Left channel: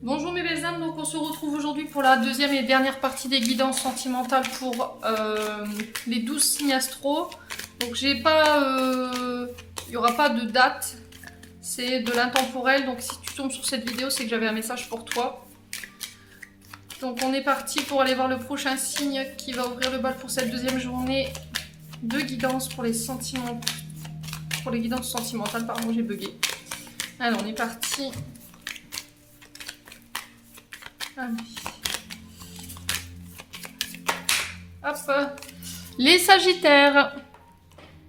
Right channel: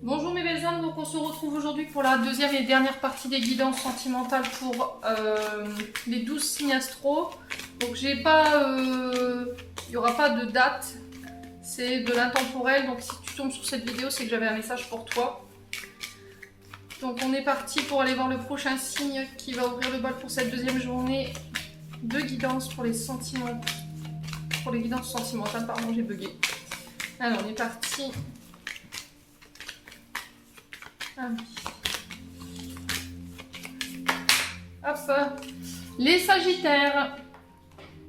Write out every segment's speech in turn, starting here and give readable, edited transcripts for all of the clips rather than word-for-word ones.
Bonjour mes belles âmes, donc on se retrouve aujourd'hui pour la deuxième et dernière partie des guidances sentimentales pour les 12 signes astro. Donc j'ai pas, il n'y aura pas de date, c'est de l'intemporel, donc si tu tombes sur cette vidéo c'est que j'avais un message pour toi. Donc on est parti pour aller voir le prochain signe qui va ouvrir le bal pour cette deuxième journée de guidance pour les sentiments, pour les guidances sentimentales, pardon j'ai bugué. Alors on est parti. Ah oui. Hop. Les Sagittaires.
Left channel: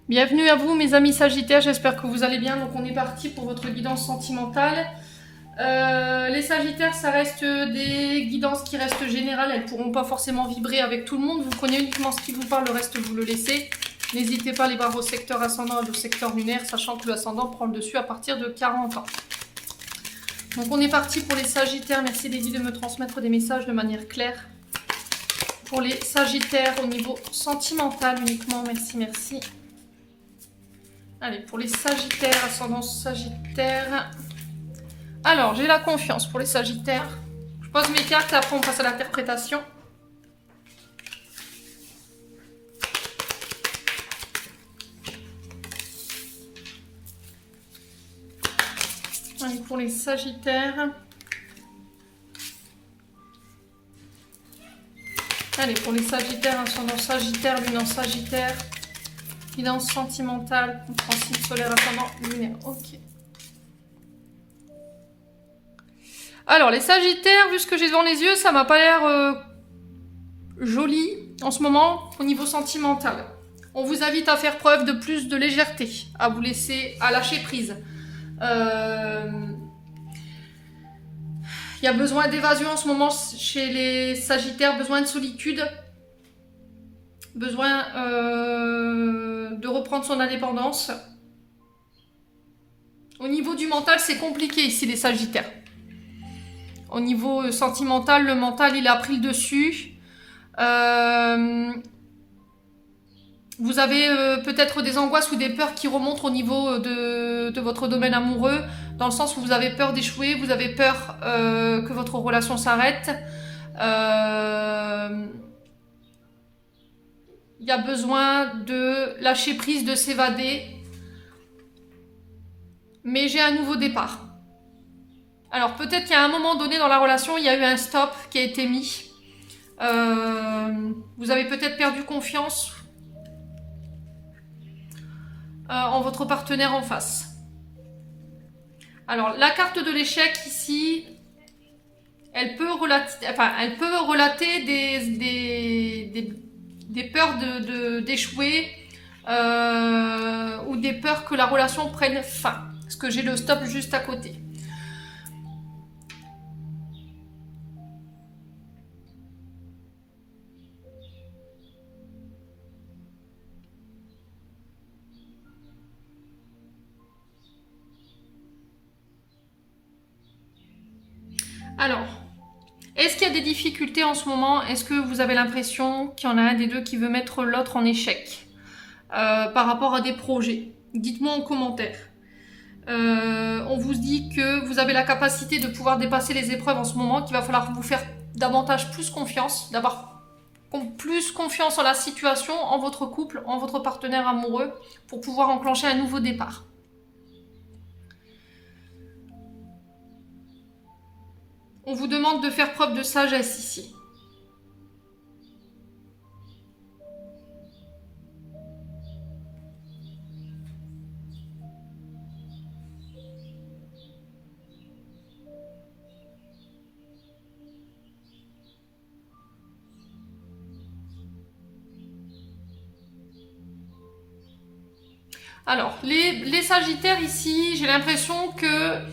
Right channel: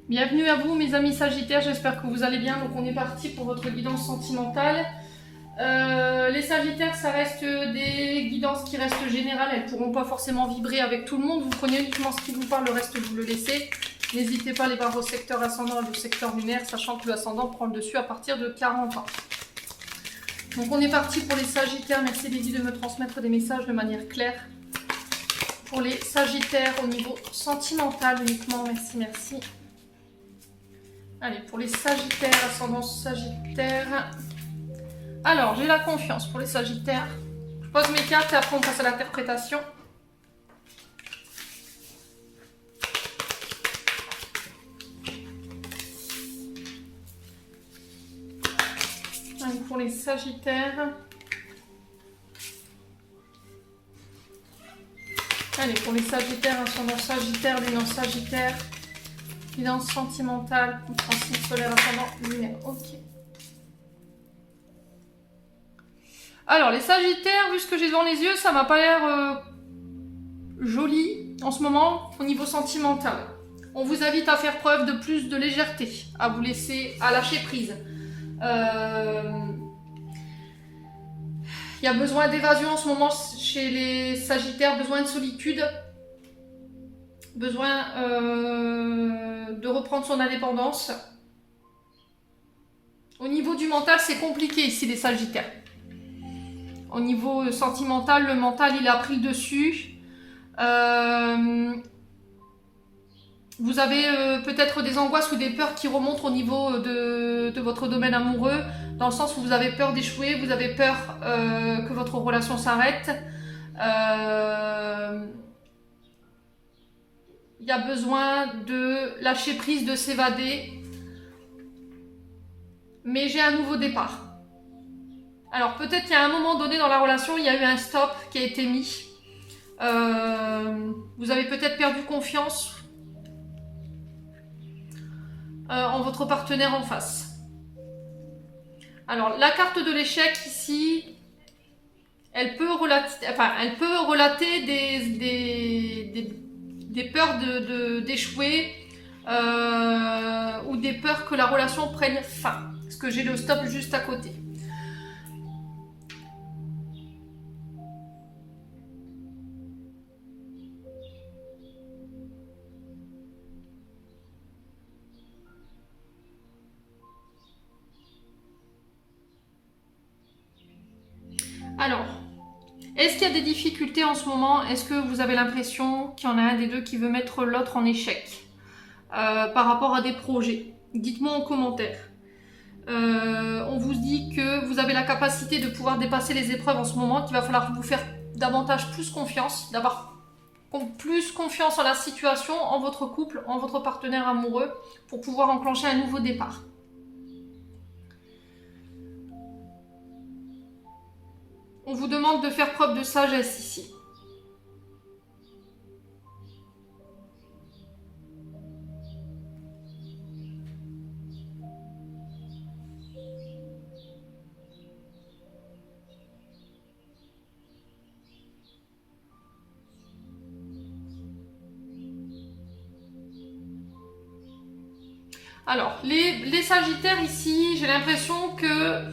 Bienvenue à vous mes amis Sagittaires, j'espère que vous allez bien. Donc on est parti pour votre guidance sentimentale. Les Sagittaires, ça reste des guidances qui restent générales, elles ne pourront pas forcément vibrer avec tout le monde. Vous prenez uniquement ce qui vous parle, le reste vous le laissez. N'hésitez pas à aller voir vos secteurs ascendants et vos secteurs lunaires, sachant que l'ascendant prend le dessus à partir de 40 ans. Donc on est parti pour les Sagittaires. Merci Lévi de me transmettre des messages de manière claire. Pour les Sagittaires au niveau sentimental uniquement. Merci, merci. Allez, pour les Sagittaires, ascendant Sagittaire. Alors, j'ai la confiance pour les Sagittaires. Je pose mes cartes et après on passe à l'interprétation. Allez, pour les Sagittaires. Allez, pour les Sagittaires, ascendant Sagittaire, lune en Sagittaire. Guidance sentimentale, transit solaire, ascendant lunaire. Ok. Alors, les Sagittaires, vu ce que j'ai devant les yeux, ça m'a pas l'air joli en ce moment au niveau sentimental. On vous invite à faire preuve de plus de légèreté, à vous laisser, à lâcher prise. Il y a besoin d'évasion en ce moment chez les Sagittaires, besoin de solitude, besoin de reprendre son indépendance. Au niveau du mental, c'est compliqué ici les Sagittaires. Au niveau sentimental, le mental, il a pris le dessus. Vous avez peut-être des angoisses ou des peurs qui remontent au niveau de votre domaine amoureux, dans le sens où vous avez peur d'échouer, vous avez peur que votre relation s'arrête. Il y a besoin de lâcher prise, de s'évader. Mais j'ai un nouveau départ. Alors peut-être qu'il y a un moment donné dans la relation, il y a eu un stop qui a été mis. Vous avez peut-être perdu confiance en votre partenaire en face. Alors la carte de l'échec ici, elle peut relater des peurs d'échouer ou des peurs que la relation prenne fin. Parce que j'ai le stop juste à côté. Alors, est-ce qu'il y a des difficultés en ce moment? Est-ce que vous avez l'impression qu'il y en a un des deux qui veut mettre l'autre en échec par rapport à des projets? Dites-moi en commentaire. On vous dit que vous avez la capacité de pouvoir dépasser les épreuves en ce moment, qu'il va falloir vous faire davantage plus confiance, d'avoir plus confiance en la situation, en votre couple, en votre partenaire amoureux, pour pouvoir enclencher un nouveau départ. On vous demande de faire preuve de sagesse ici. Alors, les Sagittaires ici, j'ai l'impression que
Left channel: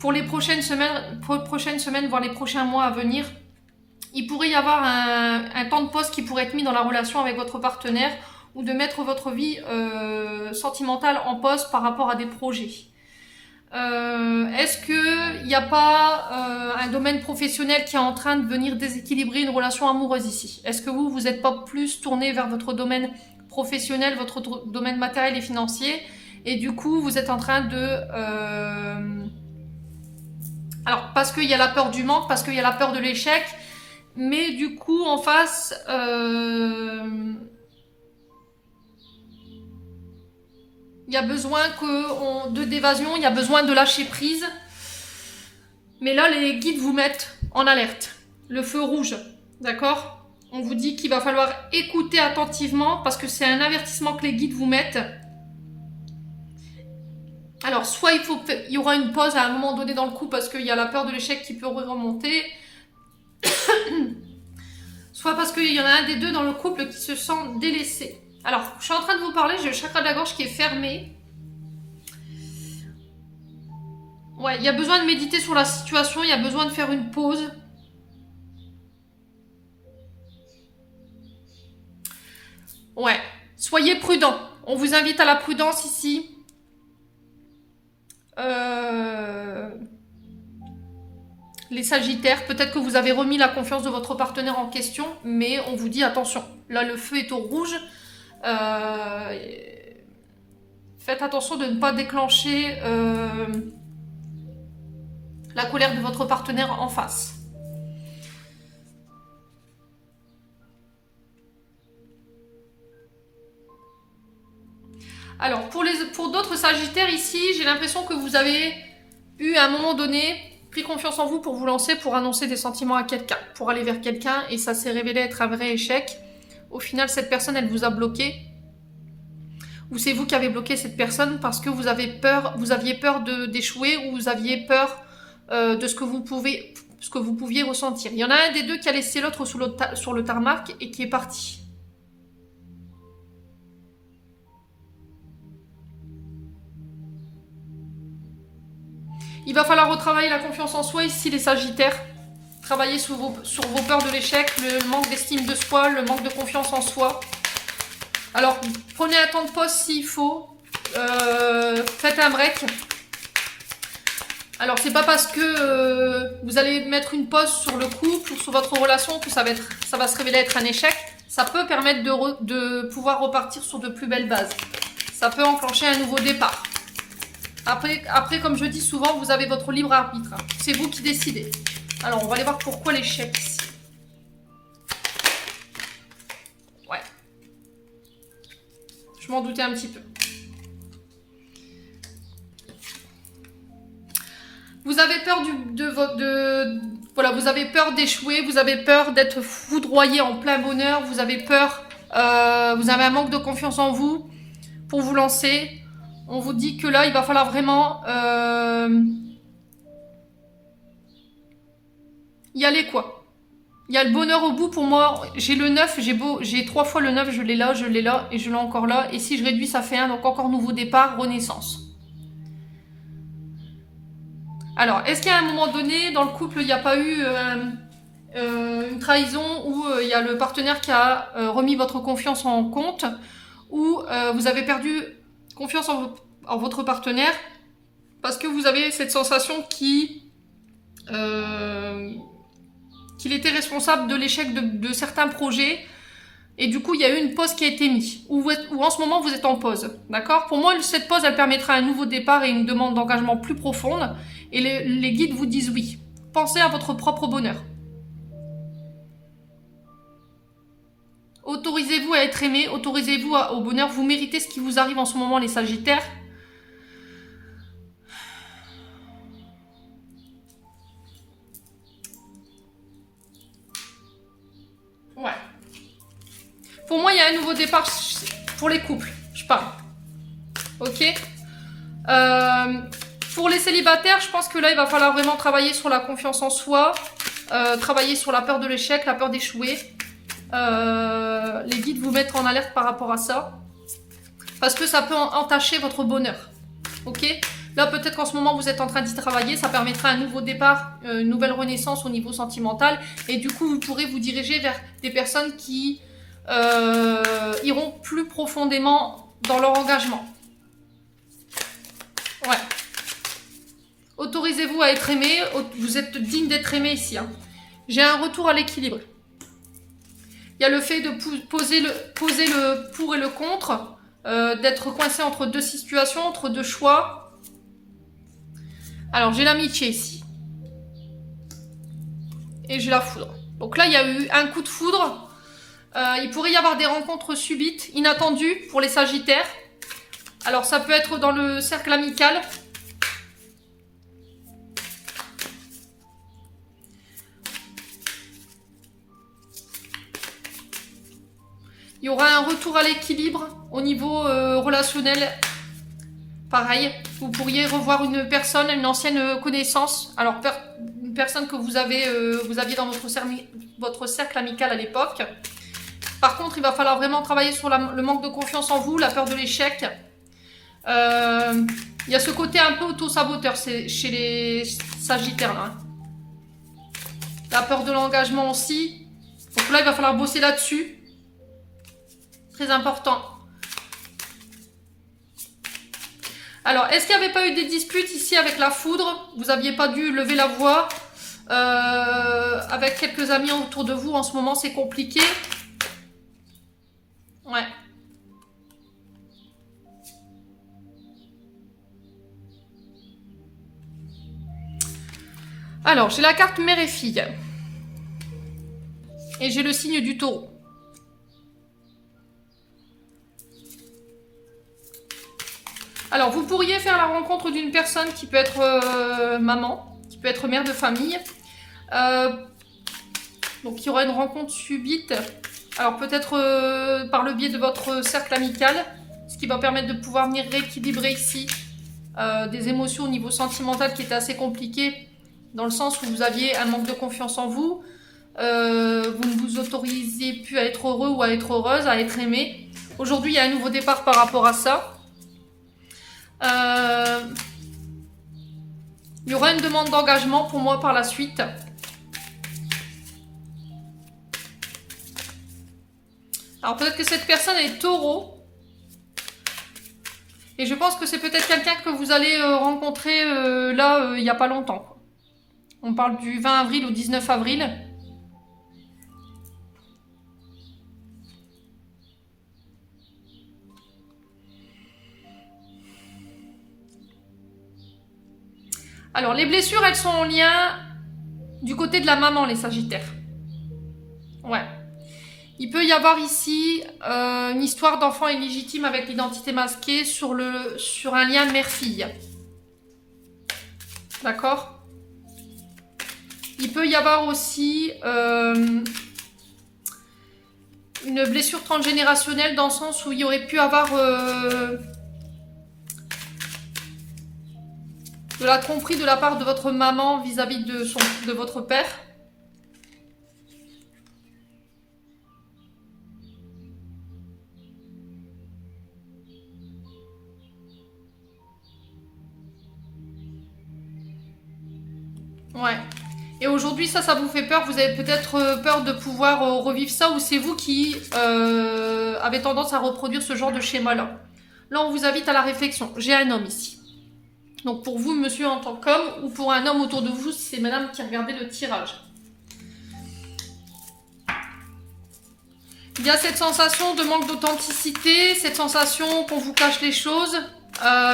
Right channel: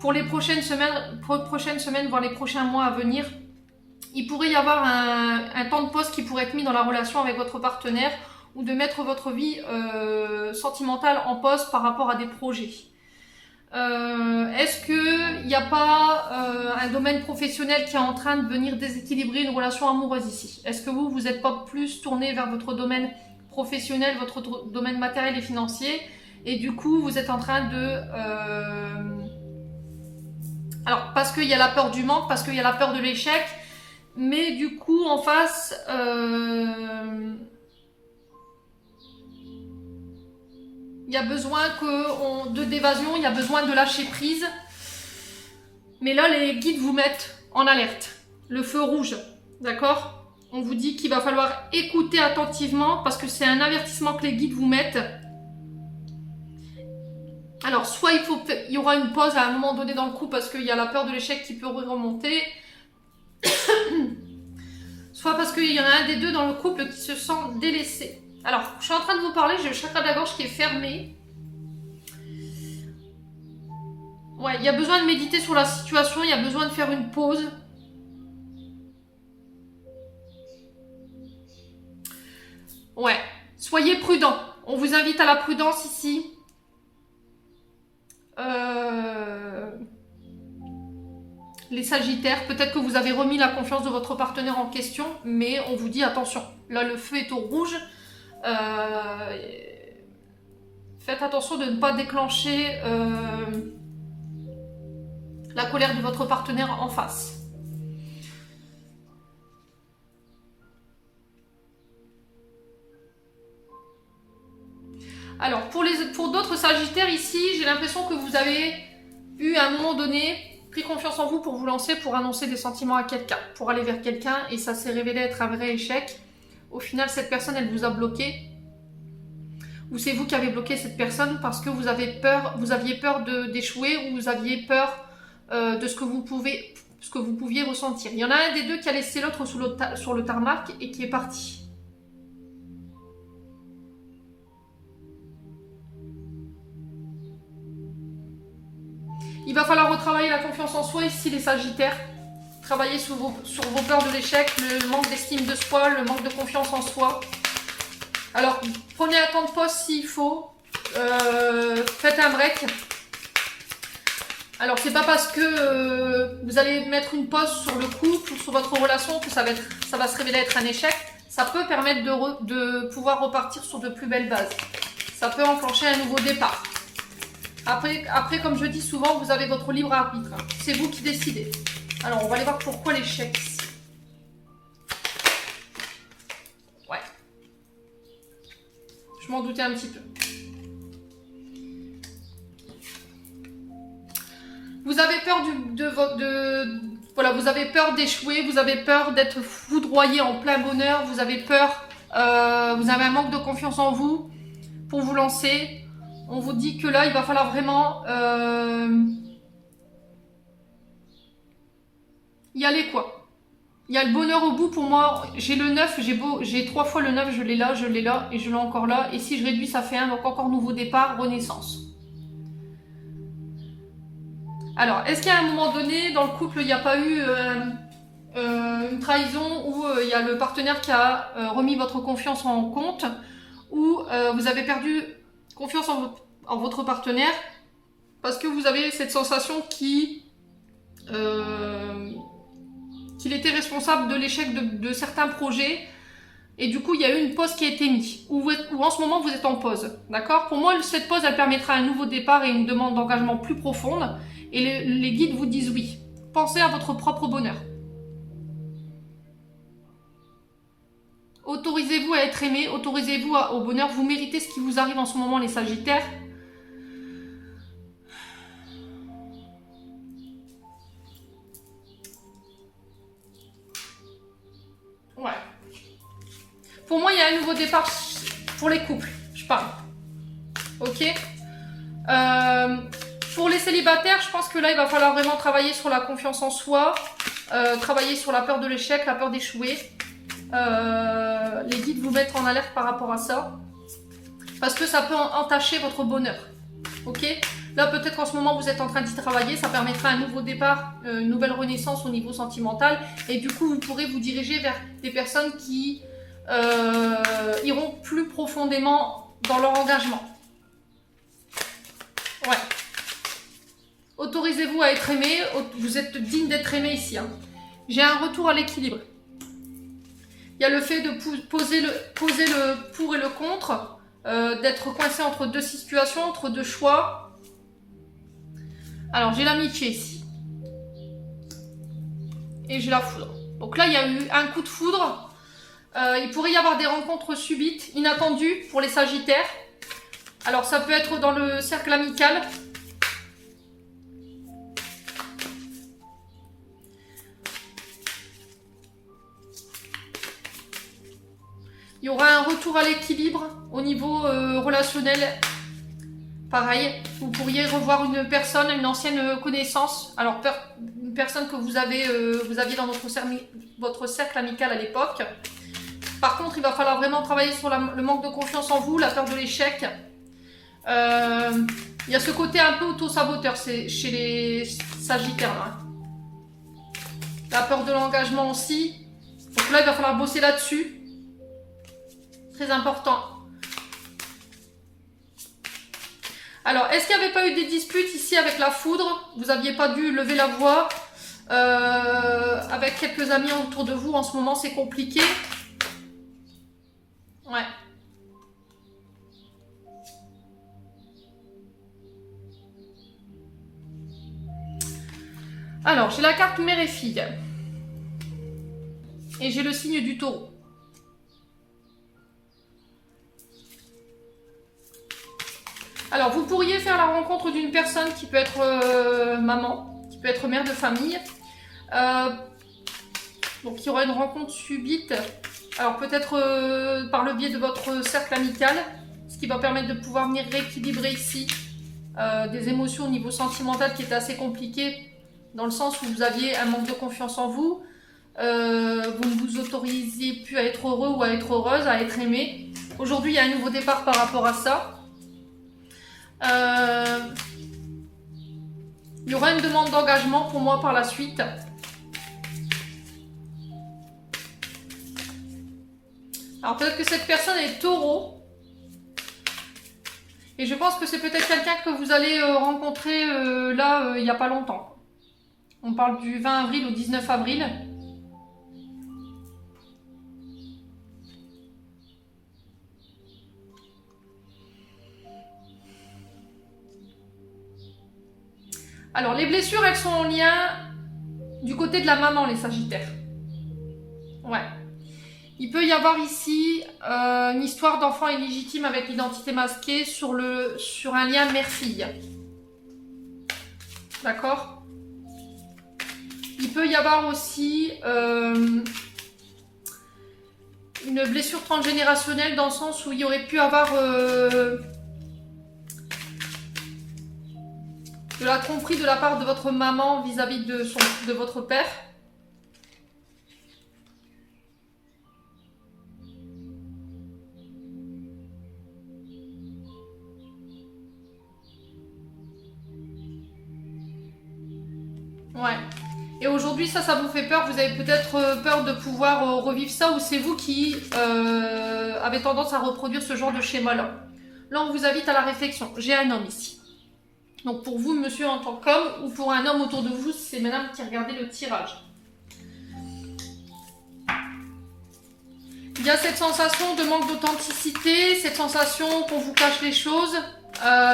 pour les prochaines semaines, voire les prochains mois à venir, il pourrait y avoir un temps de pause qui pourrait être mis dans la relation avec votre partenaire ou de mettre votre vie sentimentale en pause par rapport à des projets. Est-ce qu'il n'y a pas un domaine professionnel qui est en train de venir déséquilibrer une relation amoureuse ici? Est-ce que vous n'êtes pas plus tourné vers votre domaine professionnel, votre domaine matériel et financier, et du coup vous êtes en train Alors, parce qu'il y a la peur du manque, parce qu'il y a la peur de l'échec, mais du coup, en face, il y a besoin d'évasion, il y a besoin de lâcher prise. Mais là, les guides vous mettent en alerte. Le feu rouge, d'accord? On vous dit qu'il va falloir écouter attentivement parce que c'est un avertissement que les guides vous mettent. Alors, soit il y aura une pause à un moment donné dans le coup parce qu'il y a la peur de l'échec qui peut remonter. Soit parce qu'il y en a un des deux dans le couple qui se sent délaissé. Alors, je suis en train de vous parler, j'ai le chakra de la gorge qui est fermé. Ouais, il y a besoin de méditer sur la situation, il y a besoin de faire une pause. Ouais, soyez prudents. On vous invite à la prudence ici. Les Sagittaires, peut-être que vous avez remis la confiance de votre partenaire en question, mais on vous dit attention, là le feu est au rouge. Faites attention de ne pas déclencher la colère de votre partenaire en face. Alors, pour d'autres Sagittaires ici, j'ai l'impression que vous avez eu à un moment donné pris confiance en vous pour vous lancer, pour annoncer des sentiments à quelqu'un, pour aller vers quelqu'un, et ça s'est révélé être un vrai échec. Au final, cette personne, elle vous a bloqué. Ou c'est vous qui avez bloqué cette personne parce que vous aviez peur d'échouer, ou vous aviez peur de ce que vous pouviez ressentir. Il y en a un des deux qui a laissé l'autre sur le tarmac et qui est parti. Il va falloir retravailler la confiance en soi ici, les Sagittaires. Travailler sur vos peurs de l'échec, le manque d'estime de soi, le manque de confiance en soi. Alors, prenez un temps de pause s'il faut. Faites un break. Alors, c'est pas parce que vous allez mettre une pause sur le couple ou sur votre relation que ça va se révéler être un échec. Ça peut permettre de pouvoir repartir sur de plus belles bases. Ça peut enclencher un nouveau départ. Après, comme je dis souvent, vous avez votre libre arbitre. C'est vous qui décidez. Alors, on va aller voir pourquoi l'échec ici. Ouais. Je m'en doutais un petit peu. Vous avez peur voilà, vous avez peur d'échouer, vous avez peur d'être foudroyé en plein bonheur, vous avez peur, vous avez un manque de confiance en vous pour vous lancer. On vous dit que là, il va falloir vraiment y aller, quoi. Il y a le bonheur au bout. Pour moi, j'ai le 9, j'ai 3 fois le 9, je l'ai là et je l'ai encore là. Et si je réduis, ça fait 1, donc encore nouveau départ, renaissance. Alors, est-ce qu'à un moment donné, dans le couple, il n'y a pas eu une trahison où il y a le partenaire qui a remis votre confiance en compte, ou vous avez perdu confiance en votre partenaire parce que vous avez cette sensation qu'il était responsable de l'échec de certains projets, et du coup il y a eu une pause qui a été mise, ou en ce moment vous êtes en pause, d'accord? Pour moi, cette pause, elle permettra un nouveau départ et une demande d'engagement plus profonde, et les guides vous disent oui. Pensez à votre propre bonheur. Autorisez-vous à être aimé, autorisez-vous au bonheur, vous méritez ce qui vous arrive en ce moment, les Sagittaires. Ouais. Pour moi, il y a un nouveau départ pour les couples, je parle. Ok. Pour les célibataires, je pense que là, il va falloir vraiment travailler sur la confiance en soi, travailler sur la peur de l'échec, la peur d'échouer. Les guides vous mettent en alerte par rapport à ça, parce que ça peut entacher votre bonheur. Ok. Là, peut-être qu'en ce moment, vous êtes en train d'y travailler, ça permettra un nouveau départ, une nouvelle renaissance au niveau sentimental, et du coup, vous pourrez vous diriger vers des personnes qui iront plus profondément dans leur engagement. Ouais. Autorisez-vous à être aimé, vous êtes digne d'être aimé ici. Hein. J'ai un retour à l'équilibre. Il y a le fait de poser le pour et le contre, d'être coincé entre deux situations, entre deux choix. Alors, j'ai l'amitié ici. et j'ai la foudre. Donc là, il y a eu un coup de foudre. Il pourrait y avoir des rencontres subites, inattendues pour les Sagittaires. Alors ça peut être dans le cercle amical. Il y aura un retour à l'équilibre au niveau relationnel. Pareil, vous pourriez revoir une personne, une ancienne connaissance. Alors, une personne que vous aviez dans votre cercle amical à l'époque. Par contre, il va falloir vraiment travailler sur le manque de confiance en vous, la peur de l'échec. Il y a ce côté un peu auto-saboteur chez les Sagittaires. Là. La peur de l'engagement aussi. Donc là, il va falloir bosser là-dessus. Très important. Alors, est-ce qu'il n'y avait pas eu des disputes ici avec la foudre? Vous n'aviez pas dû lever la voix avec quelques amis autour de vous en ce moment, c'est compliqué. Ouais. Alors, j'ai la carte mère et fille. Et j'ai le signe du taureau. Alors, vous pourriez faire la rencontre d'une personne qui peut être maman, qui peut être mère de famille. Donc, il y aura une rencontre subite. Alors, peut-être par le biais de votre cercle amical, ce qui va permettre de pouvoir venir rééquilibrer ici des émotions au niveau sentimental qui étaient assez compliquées, dans le sens où vous aviez un manque de confiance en vous. Vous ne vous autorisiez plus à être heureux ou à être heureuse, à être aimé. Aujourd'hui, il y a un nouveau départ par rapport à ça. Il y aura une demande d'engagement pour moi par la suite. Alors peut-être que cette personne est taureau. Et je pense que c'est peut-être quelqu'un que vous allez rencontrer il n'y a pas longtemps. On parle du 20 avril au 19 avril. Alors, les blessures, elles sont en lien du côté de la maman, les Sagittaires. Ouais. Il peut y avoir ici une histoire d'enfant illégitime avec l'identité masquée sur un lien mère-fille. D'accord? Il peut y avoir aussi une blessure transgénérationnelle dans le sens où il y aurait pu avoir... de la tromperie de la part de votre maman vis-à-vis de votre père. Ouais. Et aujourd'hui, ça vous fait peur. Vous avez peut-être peur de pouvoir revivre ça, ou c'est vous qui avez tendance à reproduire ce genre de schéma-là. Là, on vous invite à la réflexion. J'ai un homme ici. Donc pour vous, monsieur, en tant qu'homme, ou pour un homme autour de vous, c'est madame qui regardait le tirage. Il y a cette sensation de manque d'authenticité, cette sensation qu'on vous cache les choses,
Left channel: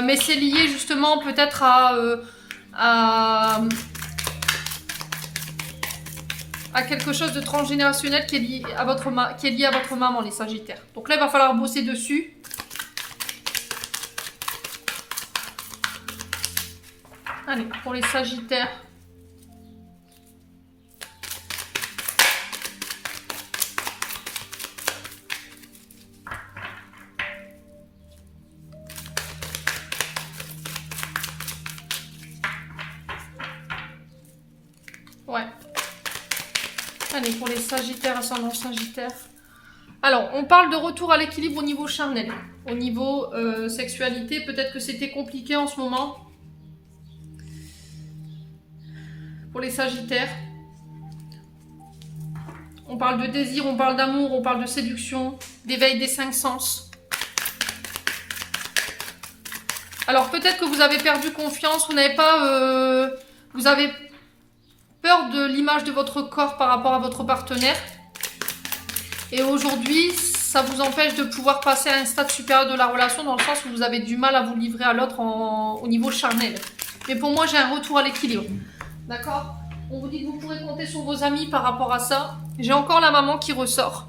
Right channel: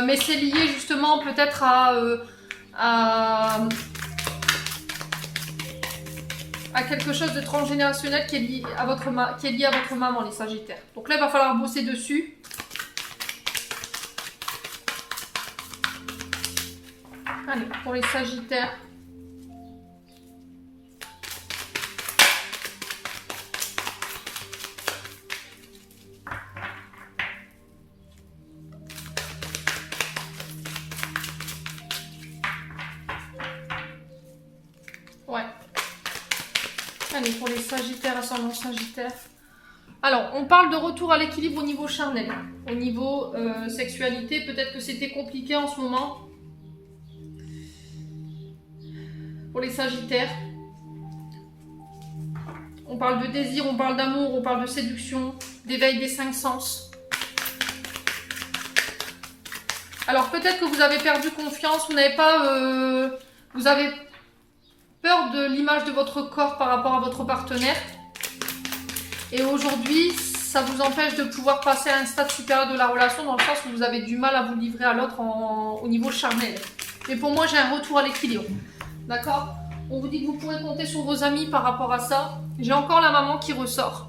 mais c'est lié justement peut-être à quelque chose de transgénérationnel qui est lié à votre maman, les Sagittaires. Donc là, il va falloir bosser dessus. Allez, pour les Sagittaires. Ouais. Allez, pour les Sagittaires, ascendant Sagittaire. Alors, on parle de retour à l'équilibre au niveau charnel. Au niveau sexualité, peut-être que c'était compliqué en ce moment. Pour les Sagittaires, on parle de désir, on parle d'amour, on parle de séduction, d'éveil des 5 sens. Alors peut-être que vous avez perdu confiance, vous avez peur de l'image de votre corps par rapport à votre partenaire. Et aujourd'hui, ça vous empêche de pouvoir passer à un stade supérieur de la relation, dans le sens où vous avez du mal à vous livrer à l'autre au niveau charnel. Mais pour moi, j'ai un retour à l'équilibre. D'accord? On vous dit que vous pourrez compter sur vos amis par rapport à ça. J'ai encore la maman qui ressort.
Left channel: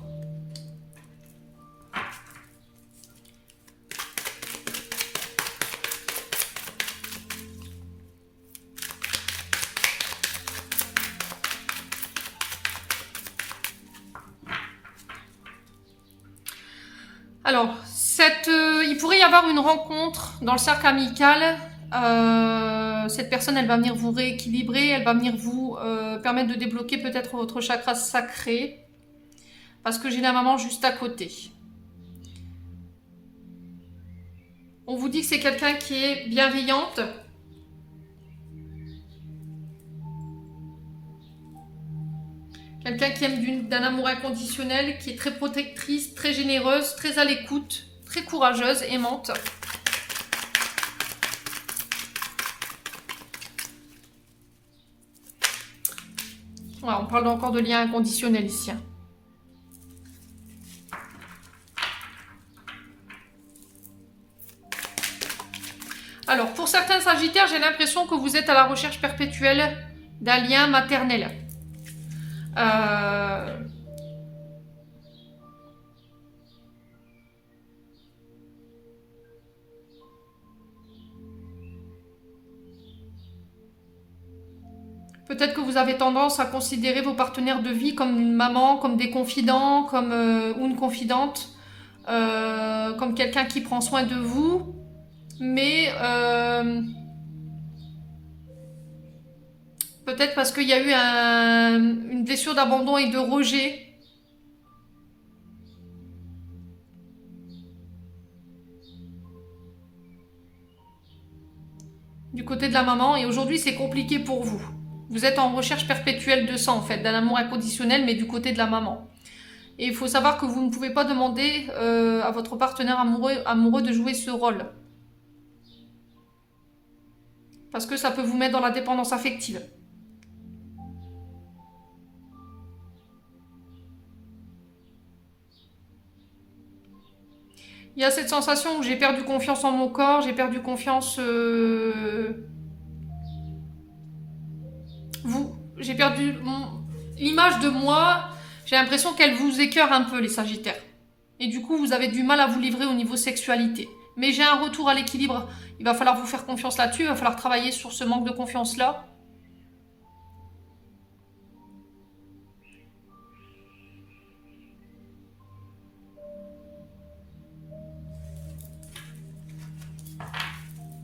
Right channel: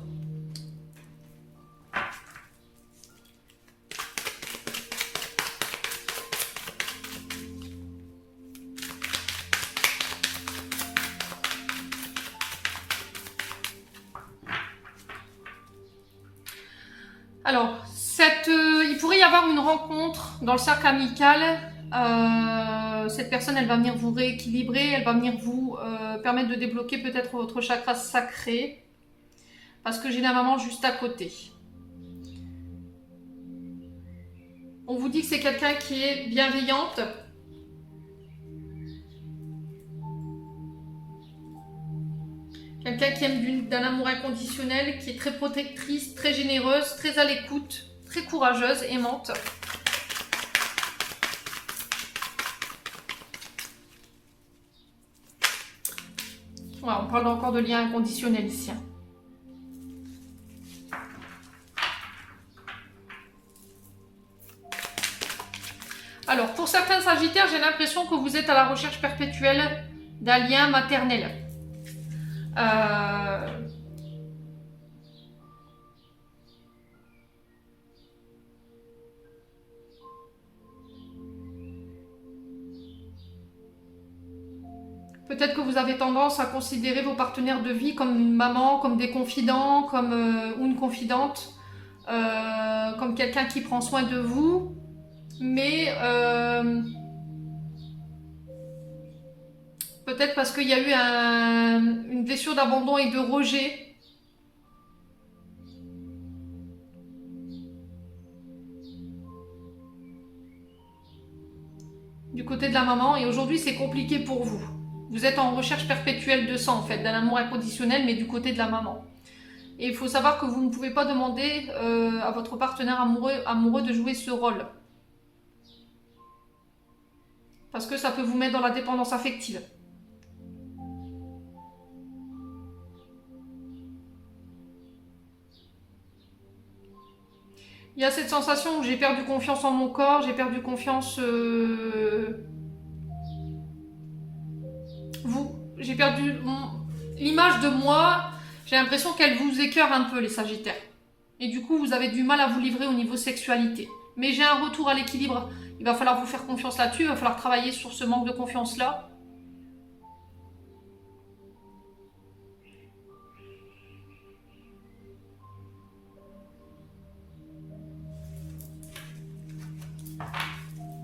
Alors, il pourrait y avoir une rencontre dans le cercle amical. Cette personne, elle va venir vous rééquilibrer, elle va venir vous permettre de débloquer peut-être votre chakra sacré. Parce que j'ai la maman juste à côté. On vous dit que c'est quelqu'un qui est bienveillante. Quelqu'un qui aime d'un amour inconditionnel, qui est très protectrice, très généreuse, très à l'écoute, très courageuse, aimante. Voilà, on parle encore de lien inconditionnel ici. Alors, pour certains Sagittaires, j'ai l'impression que vous êtes à la recherche perpétuelle d'un lien maternel. Peut-être que vous avez tendance à considérer vos partenaires de vie comme une maman, comme des confidents, comme ou une confidente, comme quelqu'un qui prend soin de vous. Mais peut-être parce qu'il y a eu une blessure d'abandon et de rejet. Du côté de la maman. Et aujourd'hui, c'est compliqué pour vous. Vous êtes en recherche perpétuelle de ça, en fait, d'un amour inconditionnel, mais du côté de la maman. Et il faut savoir que vous ne pouvez pas demander à votre partenaire amoureux de jouer ce rôle. Parce que ça peut vous mettre dans la dépendance affective. Il y a cette sensation où j'ai perdu confiance en mon corps, j'ai perdu confiance... J'ai perdu l'image de moi, j'ai l'impression qu'elle vous écœure un peu, les Sagittaires. Et du coup, vous avez du mal à vous livrer au niveau sexualité. Mais j'ai un retour à l'équilibre. Il va falloir vous faire confiance là-dessus, il va falloir travailler sur ce manque de confiance-là.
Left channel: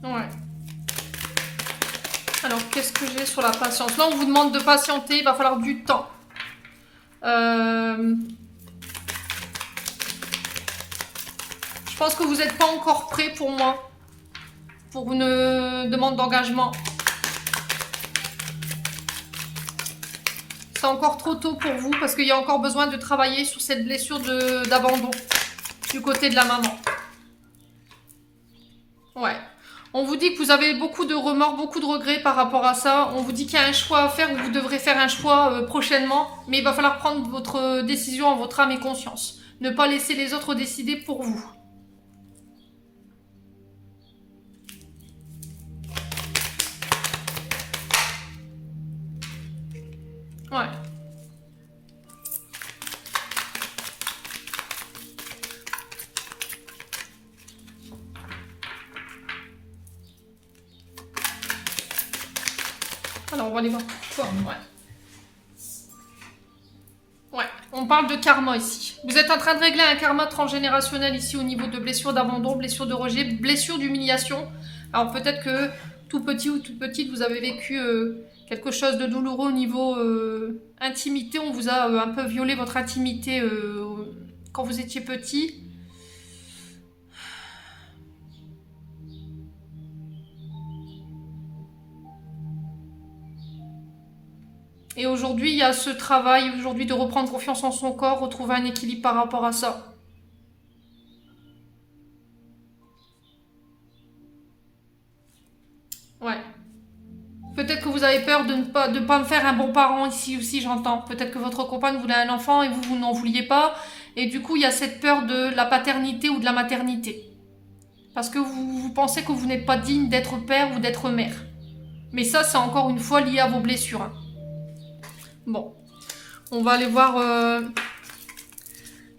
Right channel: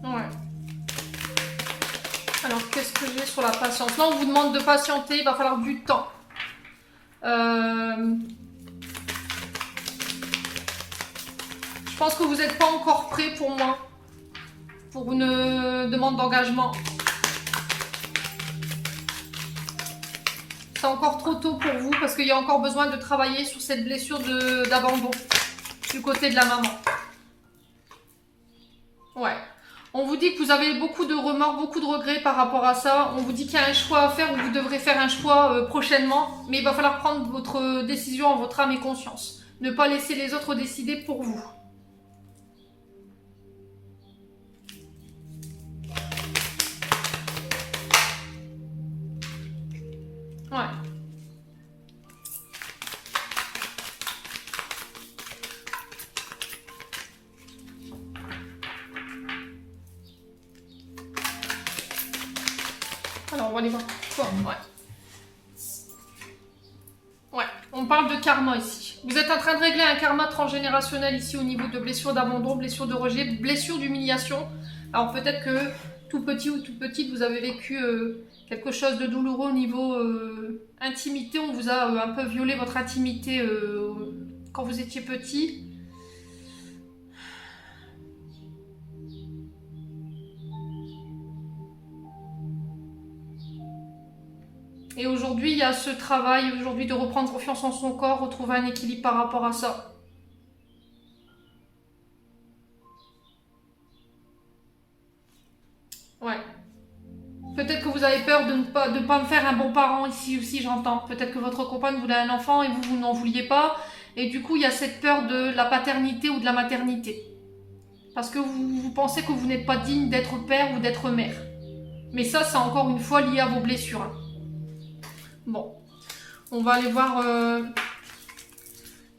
Ouais. Alors, qu'est-ce que j'ai sur la patience? Là, on vous demande de patienter, il va falloir du temps. Je pense que vous n'êtes pas encore prêt pour moi, pour une demande d'engagement. C'est encore trop tôt pour vous parce qu'il y a encore besoin de travailler sur cette blessure d'abandon du côté de la maman. Ouais. On vous dit que vous avez beaucoup de remords, beaucoup de regrets par rapport à ça. On vous dit qu'il y a un choix à faire, ou vous devrez faire un choix prochainement. Mais il va falloir prendre votre décision en votre âme et conscience. Ne pas laisser les autres décider pour vous. Ouais. Alors, on va aller voir pourquoi. Ouais. Ouais, on parle de karma ici. Vous êtes en train de régler un karma transgénérationnel ici au niveau de blessures d'abandon, blessures de rejet, blessures d'humiliation. Alors peut-être que tout petit ou toute petite, vous avez vécu quelque chose de douloureux au niveau intimité. On vous a un peu violé votre intimité quand vous étiez petit. Et aujourd'hui, il y a ce travail aujourd'hui de reprendre confiance en son corps, retrouver un équilibre par rapport à ça. Ouais. Peut-être que vous avez peur de ne pas me faire un bon parent ici aussi, j'entends. Peut-être que votre compagne voulait un enfant et vous n'en vouliez pas. Et du coup, il y a cette peur de la paternité ou de la maternité. Parce que vous pensez que vous n'êtes pas digne d'être père ou d'être mère. Mais ça, c'est encore une fois lié à vos blessures. Hein. Bon, on va aller voir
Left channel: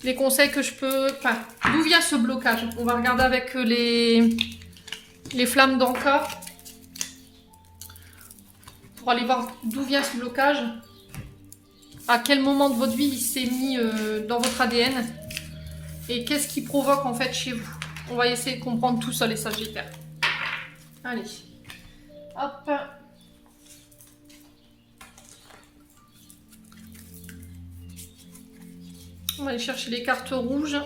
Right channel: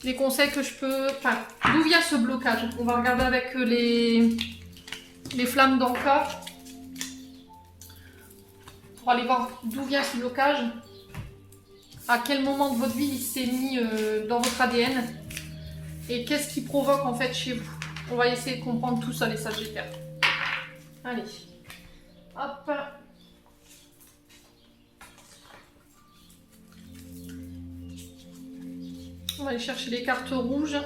les conseils que je peux... Enfin, d'où vient ce blocage? On va regarder avec les flammes d'Anka pour aller voir d'où vient ce blocage. À quel moment de votre vie il s'est mis dans votre ADN et qu'est-ce qui provoque en fait chez vous. On va essayer de comprendre tout ça, les Sagittaires. Allez, hop. On va aller chercher les cartes rouges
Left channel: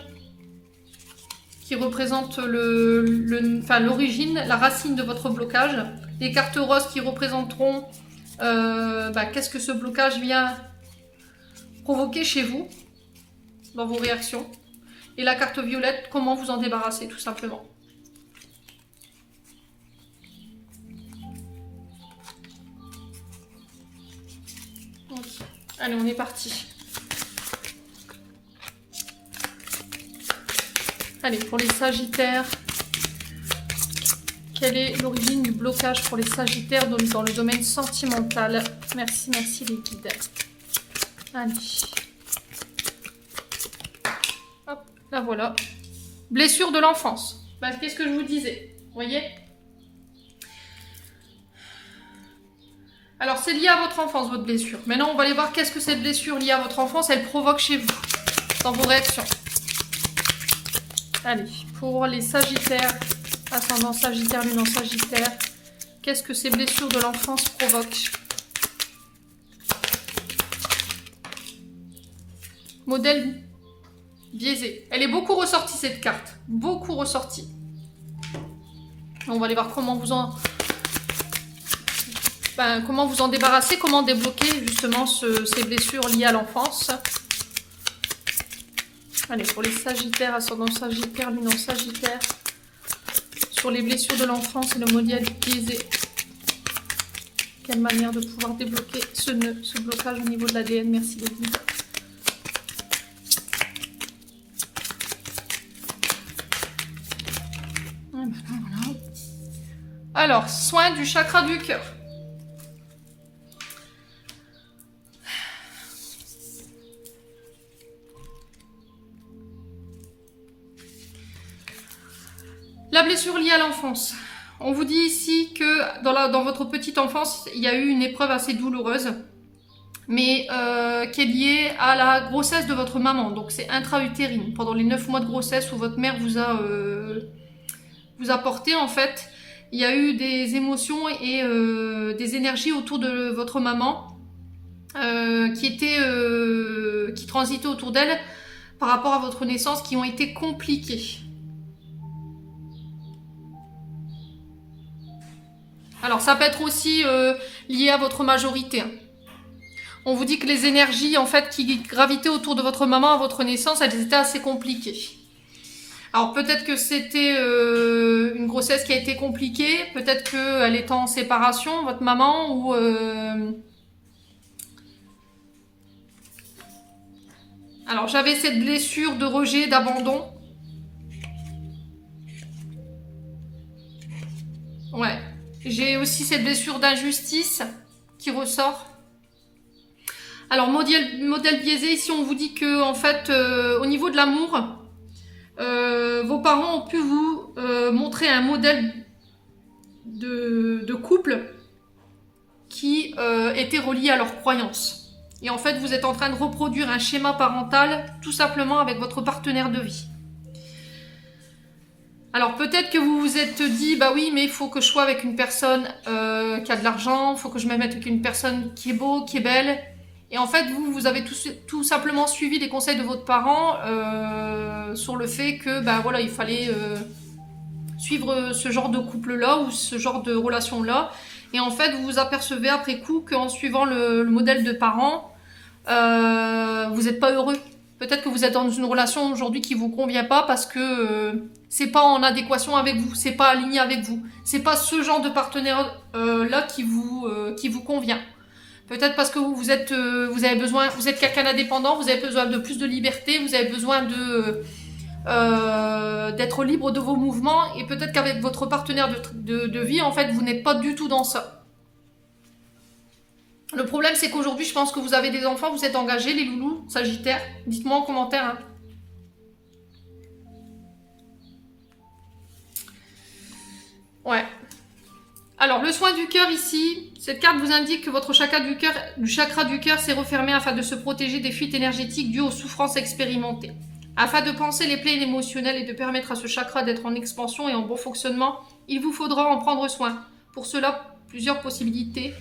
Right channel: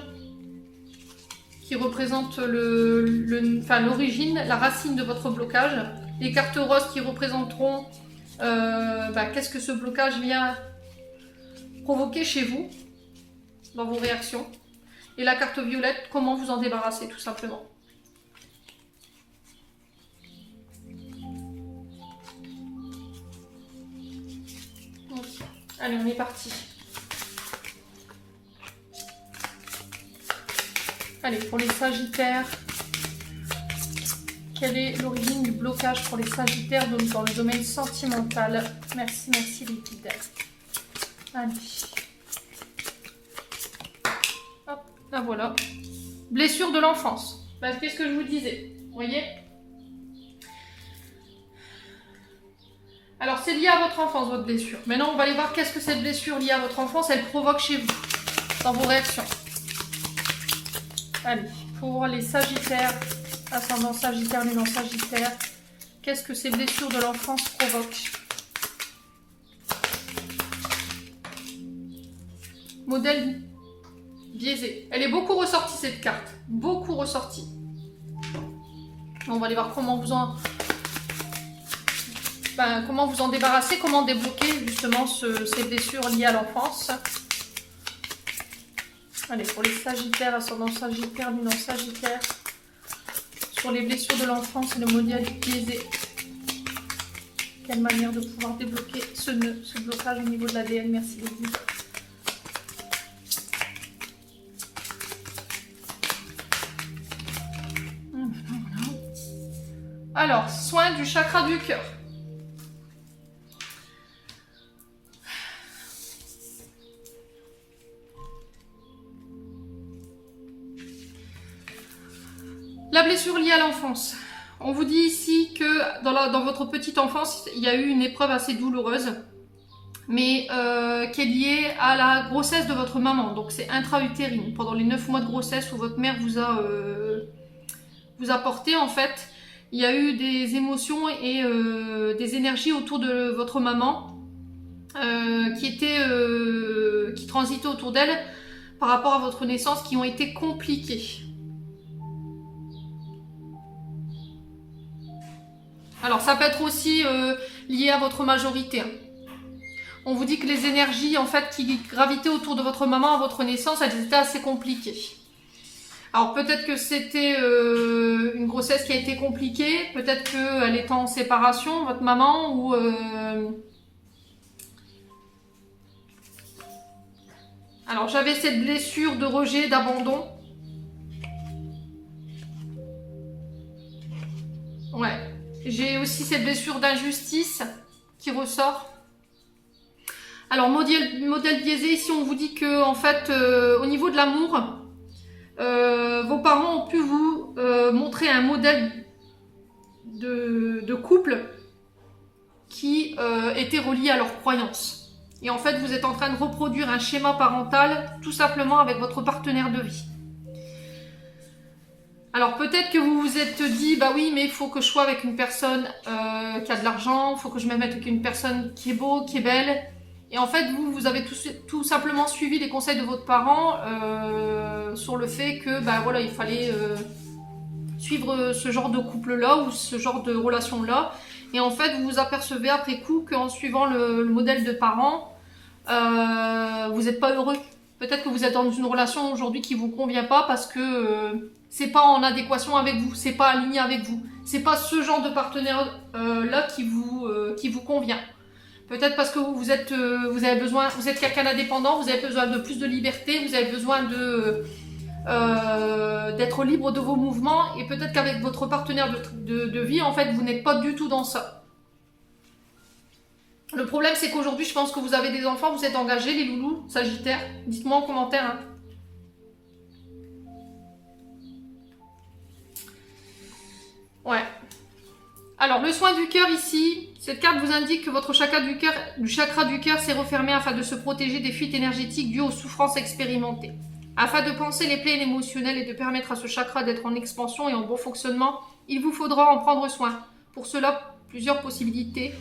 qui représentent l'origine, la racine de votre blocage. Les cartes roses qui représenteront qu'est-ce que ce blocage vient provoquer chez vous, dans vos réactions. Et la carte violette, comment vous en débarrasser, tout simplement. Ok. Allez, on est parti. Allez, pour les Sagittaires, quelle est l'origine du blocage pour les Sagittaires dans le domaine sentimental? Merci, merci les guides. Allez. Hop, là voilà. Blessure de l'enfance. Bah, qu'est-ce que je vous disais? Vous voyez? Alors, c'est lié à votre enfance, votre blessure. Maintenant, on va aller voir qu'est-ce que cette blessure liée à votre enfance, elle provoque chez vous, dans vos réactions. Allez, pour les Sagittaires, ascendant Sagittaire, lunan Sagittaire, qu'est-ce que ces blessures de l'enfance provoquent? Modèle biaisé. Elle est beaucoup ressortie cette carte. Beaucoup ressortie. On va aller voir comment vous en débarrasser, comment débloquer justement ces blessures liées à l'enfance. Allez, pour les Sagittaires, ascendant Sagittaire, lunan Sagittaire, sur les blessures de l'enfance et le modèle biaisé. Quelle manière de pouvoir débloquer ce nœud, ce blocage au niveau de l'ADN. Merci les guides. Alors, soin du chakra du cœur. La blessure liée à l'enfance. On vous dit ici que dans votre petite enfance, il y a eu une épreuve assez douloureuse, mais qui est liée à la grossesse de votre maman. Donc c'est intra-utérine. Pendant les 9 mois de grossesse où votre mère vous a porté, en fait, il y a eu des émotions et des énergies autour de votre maman qui transitaient autour d'elle par rapport à votre naissance, qui ont été compliquées. Alors ça peut être aussi lié à votre majorité. On vous dit que les énergies en fait qui gravitaient autour de votre maman à votre naissance, elles étaient assez compliquées. Alors peut-être que c'était une grossesse qui a été compliquée, peut-être qu'elle était en séparation, votre maman, ou alors j'avais cette blessure de rejet, d'abandon. Ouais. J'ai aussi cette blessure d'injustice qui ressort. Alors, modèle biaisé, ici on vous dit que en fait, au niveau de l'amour, vos parents ont pu vous montrer un modèle de couple qui était relié à leurs croyances. Et en fait, vous êtes en train de reproduire un schéma parental tout simplement avec votre partenaire de vie. Alors peut-être que vous vous êtes dit, bah oui, mais il faut que je sois avec une personne qui a de l'argent, il faut que je me mette avec une personne qui est beau, qui est belle. Et en fait, vous avez tout simplement suivi les conseils de votre parent sur le fait que, bah voilà, il fallait suivre ce genre de couple-là ou ce genre de relation-là. Et en fait, vous vous apercevez après coup qu'en suivant le modèle de parents, vous n'êtes pas heureux. Peut-être que vous êtes dans une relation aujourd'hui qui vous convient pas parce que c'est pas en adéquation avec vous, c'est pas aligné avec vous. C'est pas ce genre de partenaire là qui vous convient. Peut-être parce que vous êtes quelqu'un d'indépendant, vous avez besoin de plus de liberté, vous avez besoin d'être libre de vos mouvements, et peut-être qu'avec votre partenaire de vie, en fait, vous n'êtes pas du tout dans ça. Le problème, c'est qu'aujourd'hui, je pense que vous avez des enfants, vous êtes engagés, les loulous, Sagittaire. Dites-moi en commentaire. Hein. Ouais. Alors, le soin du cœur ici, cette carte vous indique que votre chakra du cœur s'est refermé afin de se protéger des fuites énergétiques dues aux souffrances expérimentées. Afin de penser les plaies émotionnelles et de permettre à ce chakra d'être en expansion et en bon fonctionnement, il vous faudra en prendre soin. Pour cela, plusieurs possibilités.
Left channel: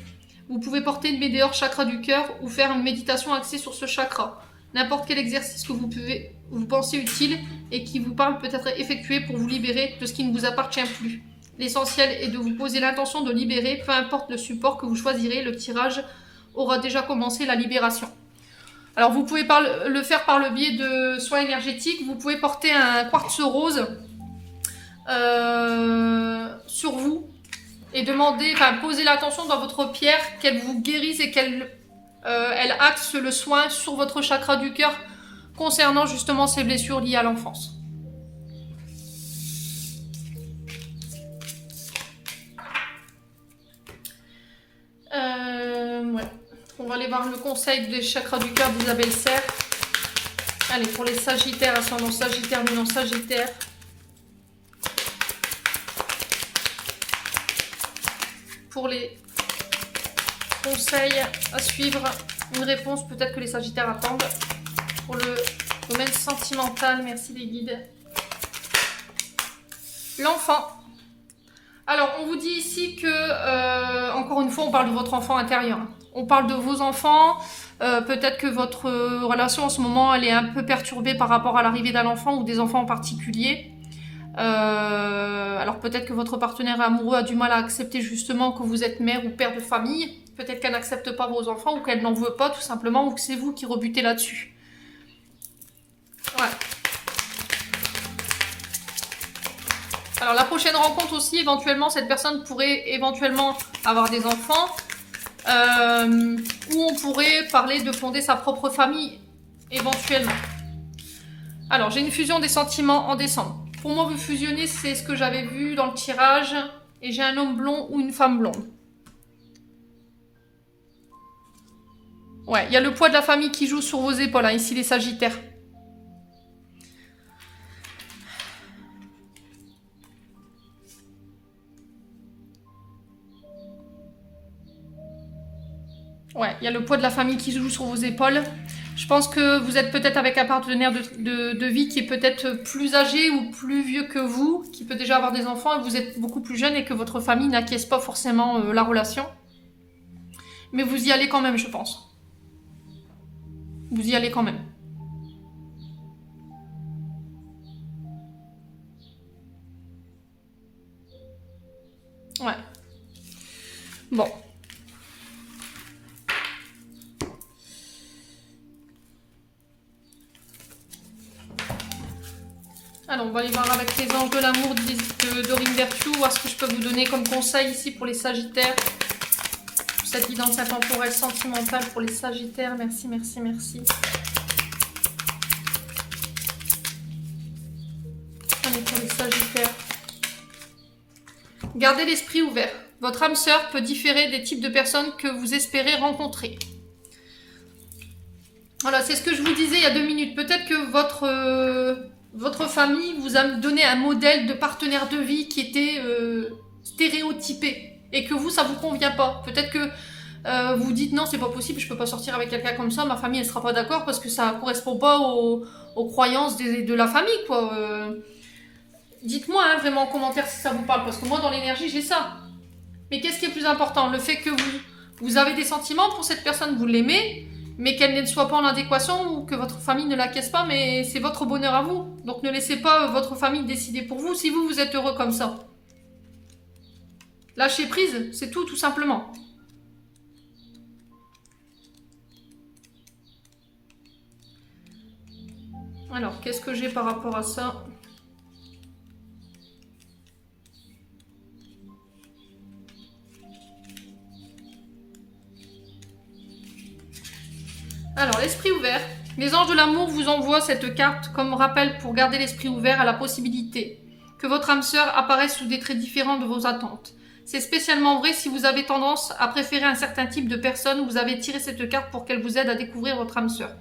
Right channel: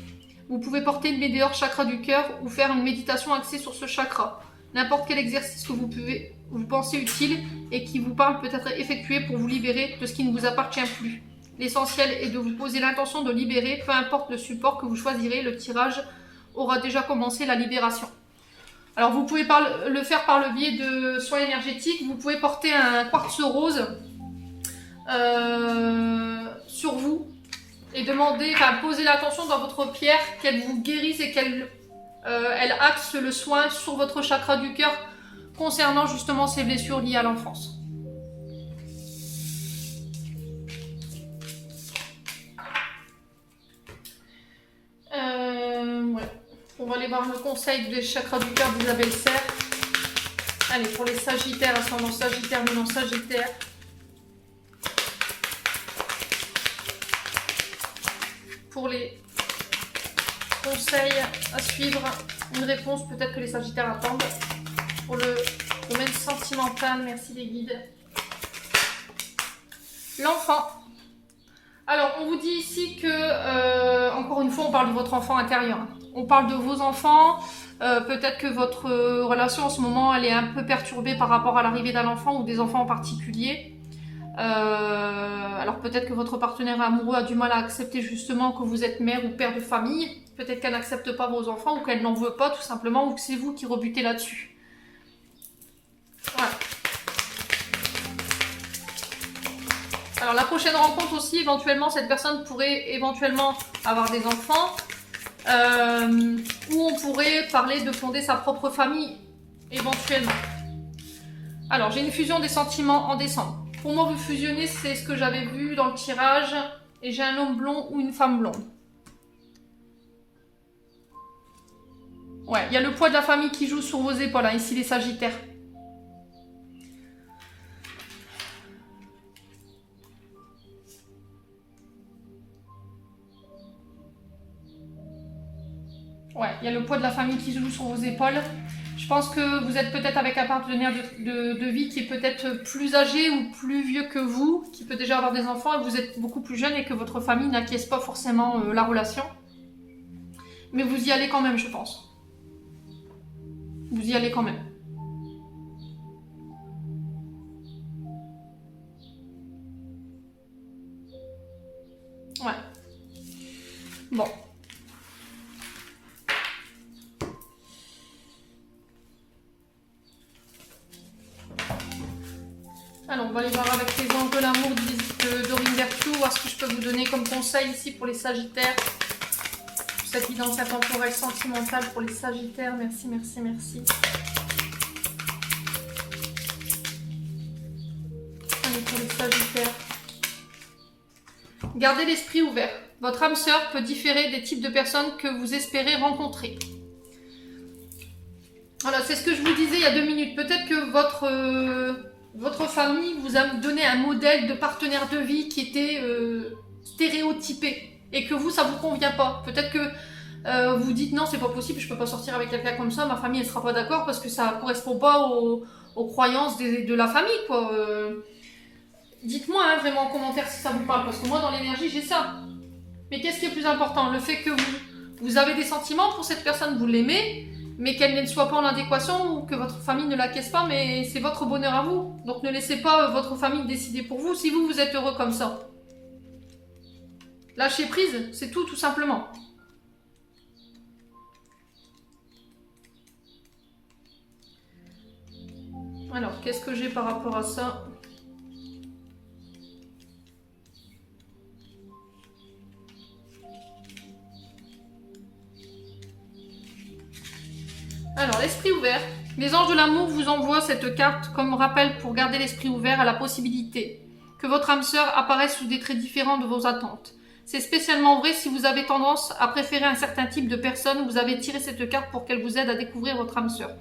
Vous pouvez porter une médailleur chakra du cœur ou faire une méditation axée sur ce chakra. N'importe quel exercice que vous pensez utile et qui vous parle peut être effectué pour vous libérer de ce qui ne vous appartient plus. L'essentiel est de vous poser l'intention de libérer, peu importe le support que vous choisirez, le tirage aura déjà commencé la libération. Alors vous pouvez le faire par le biais de soins énergétiques, vous pouvez porter un quartz rose sur vous et poser l'attention dans votre pierre qu'elle vous guérisse et qu'elle axe le soin sur votre chakra du cœur concernant justement ces blessures liées à l'enfance. Voilà. On va aller voir le conseil des chakras du cœur d'Isabelle Serre. Allez, pour les Sagittaires, ascendant Sagittaire, lunan Sagittaire. Pour les conseils à suivre, une réponse peut-être que les Sagittaires attendent. Pour le domaine sentimental, merci les guides. L'enfant. Alors, on vous dit ici que, encore une fois, on parle de votre enfant intérieur. On parle de vos enfants. Peut-être que votre relation en ce moment, elle est un peu perturbée par rapport à l'arrivée d'un enfant ou des enfants en particulier. Alors peut-être que votre partenaire amoureux a du mal à accepter justement que vous êtes mère ou père de famille. Peut-être qu'elle n'accepte pas vos enfants ou qu'elle n'en veut pas tout simplement ou que c'est vous qui rebutez là-dessus. Ouais. Alors la prochaine rencontre aussi, éventuellement, cette personne pourrait éventuellement avoir des enfants. Ou on pourrait parler de fonder sa propre famille, éventuellement. Alors j'ai une fusion des sentiments en décembre. Pour moi, vous fusionnez, c'est ce que j'avais vu dans le tirage. Et j'ai un homme blond ou une femme blonde. Ouais, il y a le poids de la famille qui joue sur vos épaules, hein, ici les Sagittaires. Ouais, il y a le poids de la famille qui joue sur vos épaules. Je pense que vous êtes peut-être avec un partenaire de vie qui est peut-être plus âgé ou plus vieux que vous, qui peut déjà avoir des enfants et vous êtes beaucoup plus jeune et que votre famille n'acquiesce pas forcément la relation. Mais vous y allez quand même, je pense. Vous y allez quand même. Ouais. Bon. Alors, on va aller voir avec les anges de l'amour de Dorine Berthoud, voir ce que je peux vous donner comme conseil ici pour les Sagittaires. Cette guidance intemporelle sentimentale pour les Sagittaires. Merci, merci, merci. Allez, pour les Sagittaires. Gardez l'esprit ouvert. Votre âme sœur peut différer des types de personnes que vous espérez rencontrer. Voilà, c'est ce que je vous disais il y a 2 minutes. Peut-être que votre famille vous a donné un modèle de partenaire de vie qui était stéréotypé et que vous, ça vous convient pas. Peut-être que vous dites non, c'est pas possible, je peux pas sortir avec quelqu'un comme ça, ma famille elle sera pas d'accord parce que ça correspond pas aux croyances de la famille, quoi. Dites-moi hein, vraiment en commentaire si ça vous parle, parce que moi dans l'énergie j'ai ça. Mais qu'est-ce qui est plus important? Le fait que vous avez des sentiments pour cette personne, vous l'aimez, mais qu'elle ne soit pas en adéquation ou que votre famille ne l'acquiesce pas, mais c'est votre bonheur à vous. Donc ne laissez pas votre famille décider pour vous si vous êtes heureux comme ça. Lâchez prise, c'est tout simplement. Alors, qu'est-ce que j'ai par rapport à ça? Alors, l'esprit ouvert. Les anges de l'amour vous envoient cette carte comme rappel pour garder l'esprit ouvert à la possibilité que votre âme sœur apparaisse sous des traits différents de vos attentes. C'est spécialement vrai si vous avez tendance à préférer un certain type de personne. Vous avez tiré cette carte pour qu'elle vous aide à découvrir votre âme sœur.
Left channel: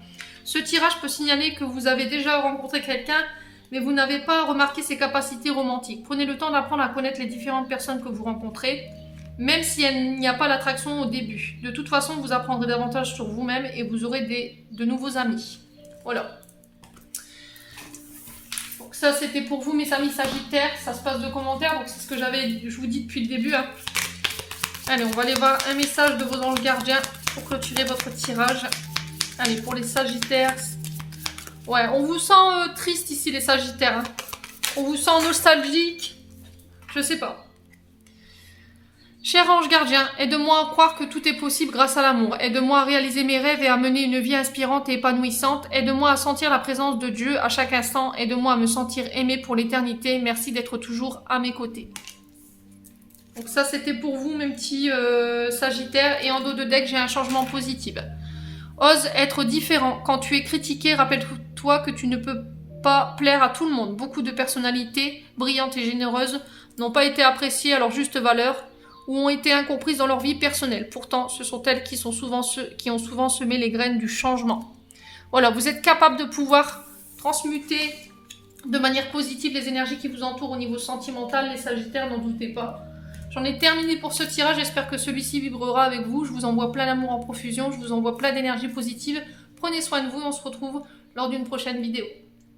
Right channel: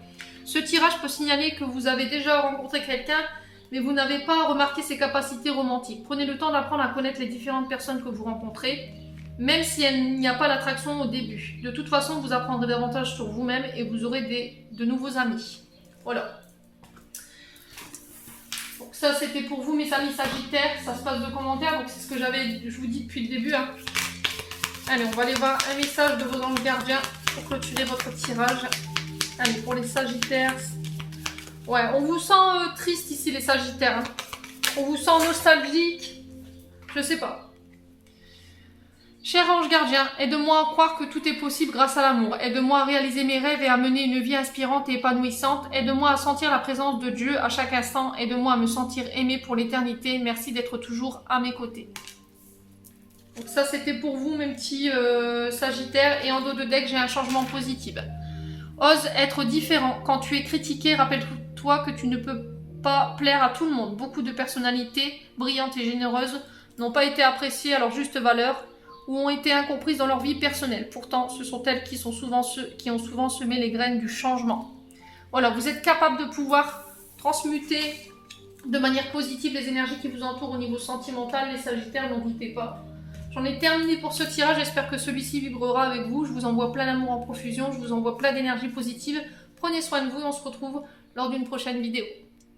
Ce tirage peut signaler que vous avez déjà rencontré quelqu'un, mais vous n'avez pas remarqué ses capacités romantiques. Prenez le temps d'apprendre à connaître les différentes personnes que vous rencontrez, même s'il n'y a pas l'attraction au début. De toute façon, vous apprendrez davantage sur vous-même et vous aurez de nouveaux amis. Voilà. Donc ça, c'était pour vous, mes amis Sagittaires. Ça se passe de commentaires, donc c'est ce que je vous dis depuis le début. Hein. Allez, on va aller voir un message de vos anges gardiens pour clôturer votre tirage. Allez, pour les Sagittaires. Ouais, on vous sent triste ici, les Sagittaires. Hein. On vous sent nostalgique. Je sais pas. Cher ange gardien, aide-moi à croire que tout est possible grâce à l'amour. Aide-moi à réaliser mes rêves et à mener une vie inspirante et épanouissante. Aide-moi à sentir la présence de Dieu à chaque instant. Aide-moi à me sentir aimé pour l'éternité. Merci d'être toujours à mes côtés. Donc ça, c'était pour vous, mes petits Sagittaires. Et en dos de deck, j'ai un changement positif. Ose être différent. Quand tu es critiqué, rappelle-toi que tu ne peux pas plaire à tout le monde. Beaucoup de personnalités brillantes et généreuses n'ont pas été appréciées à leur juste valeur ou ont été incomprises dans leur vie personnelle. Pourtant, ce sont elles qui ont souvent semé les graines du changement. Voilà, vous êtes capable de pouvoir transmuter de manière positive les énergies qui vous entourent au niveau sentimental, les Sagittaires, n'en doutez pas. J'en ai terminé pour ce tirage, j'espère que celui-ci vibrera avec vous. Je vous envoie plein d'amour en profusion, je vous envoie plein d'énergie positive. Prenez soin de vous et on se retrouve lors d'une prochaine vidéo.